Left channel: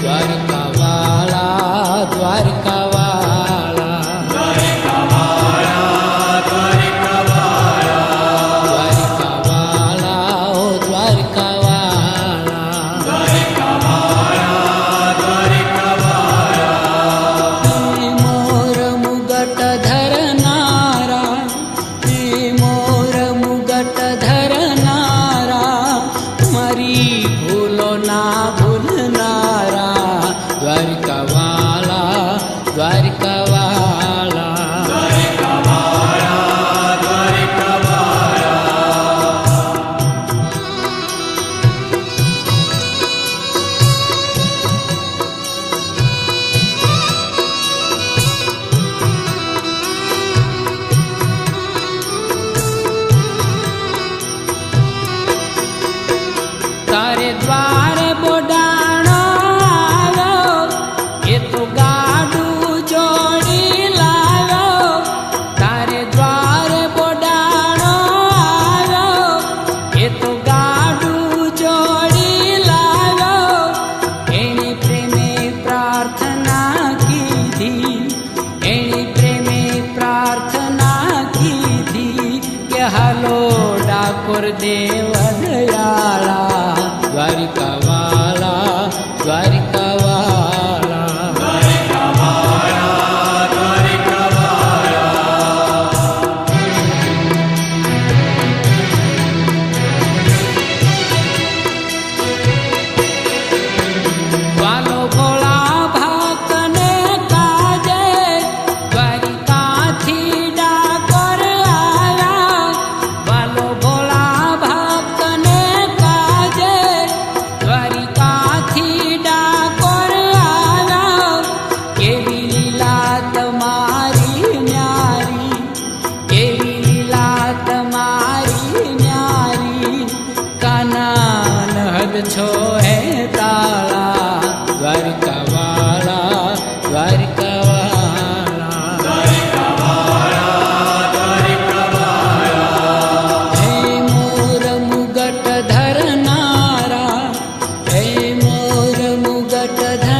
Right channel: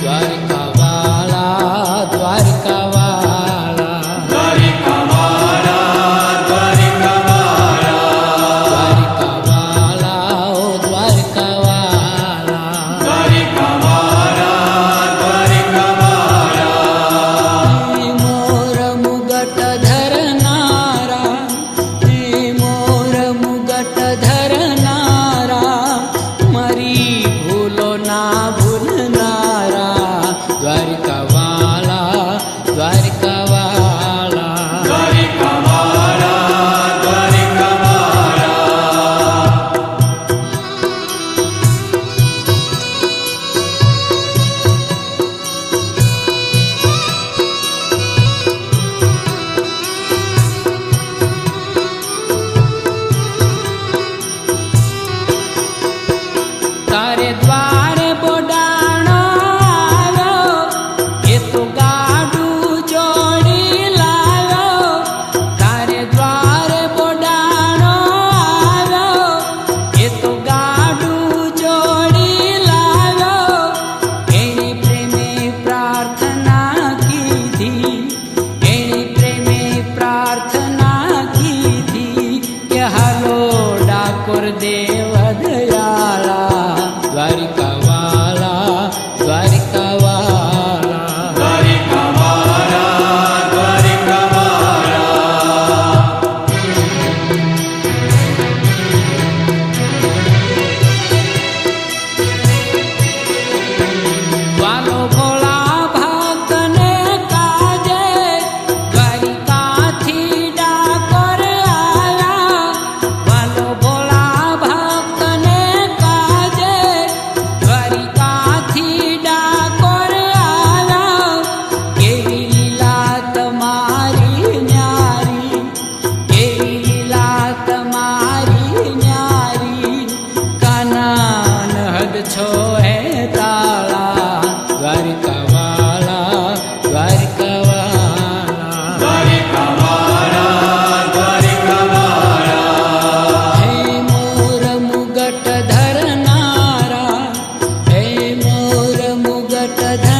દ્વારકા વાળા દ્વારકા વાળા દ્વારકા વાળા ઓ દ્વારકા વાળા મોર મુગટ ધરનારા મોર મુગટ ધરનારા મારી ભૂલો ના ભૂલનારા દ્વારકા વાળા દ્વારકા વાળા તારે દ્વારે બોડાણો આવ્યો એ તો ગાડું જોડી લાવ્યો તારે દ્વારે બોડાણો આવ્યો એ તો ગાડું જોડી લાવ્યો એણે પ્રેમે પ્રાર્થના કીધી એણે પ્રેમે પ્રાર્થના કીધી કે હાલો ડાકોર દેવ દયાળા દ્વારકા વાળા દ્વારકા વાળા વાલો ભોળા ભક્તને કાજે દ્વારિકાથી ડાકોર આવ્યા વાલો ભોળા ભક્તને કાજે દ્વારિકાથી ડાકોર આવ્યા કેવી લીલા તમારી ન્યારી કેવી લીલા તમારી ન્યારી કાના નહદ છો હે તાળા દ્વારકા વાળા દ્વારકા વાળા હે મોર મુગટ ધરનારા હે મોર મુગટ ધરનારા